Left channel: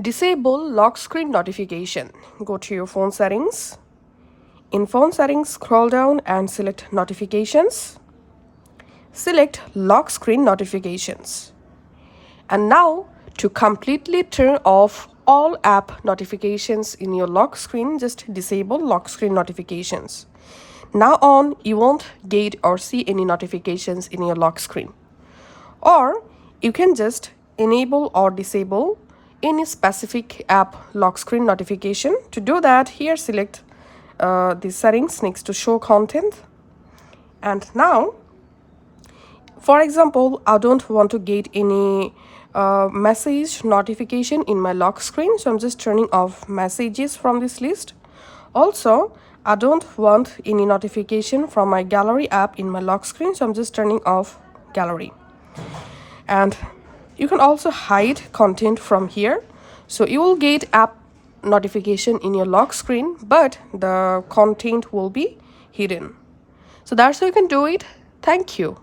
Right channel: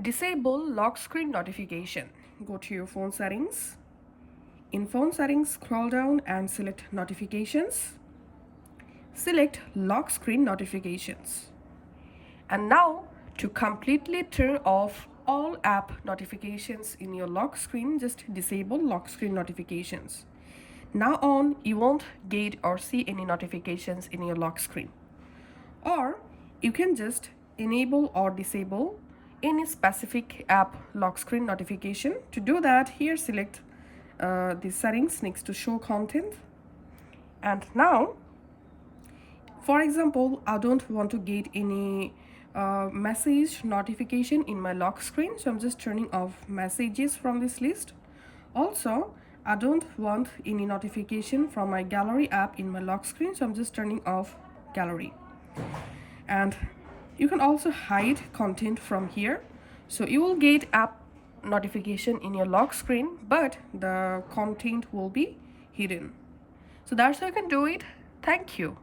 Disable lock screen notification. Go to your phone settings. In phone settings, scroll down and select notifications. Select lock screen notifications. And now to completely turn off all app notifications in your lock screen, just disable lock screen notifications. Now on, you won't get or see any notifications in your lock screen. Or you can just enable or disable any specific app lock screen notification. To do that, here select the settings next to show content. And now, for example, I don't want to get any message notification in my lock screen, so I'm just turning off messages from this list. Also, I don't want any notification from my gallery app in my lock screen, so I'm just turning off gallery. And you can also hide content from here, so you will get app notification in your lock screen, but the content will be hidden. So that's how you can do it. Thank you.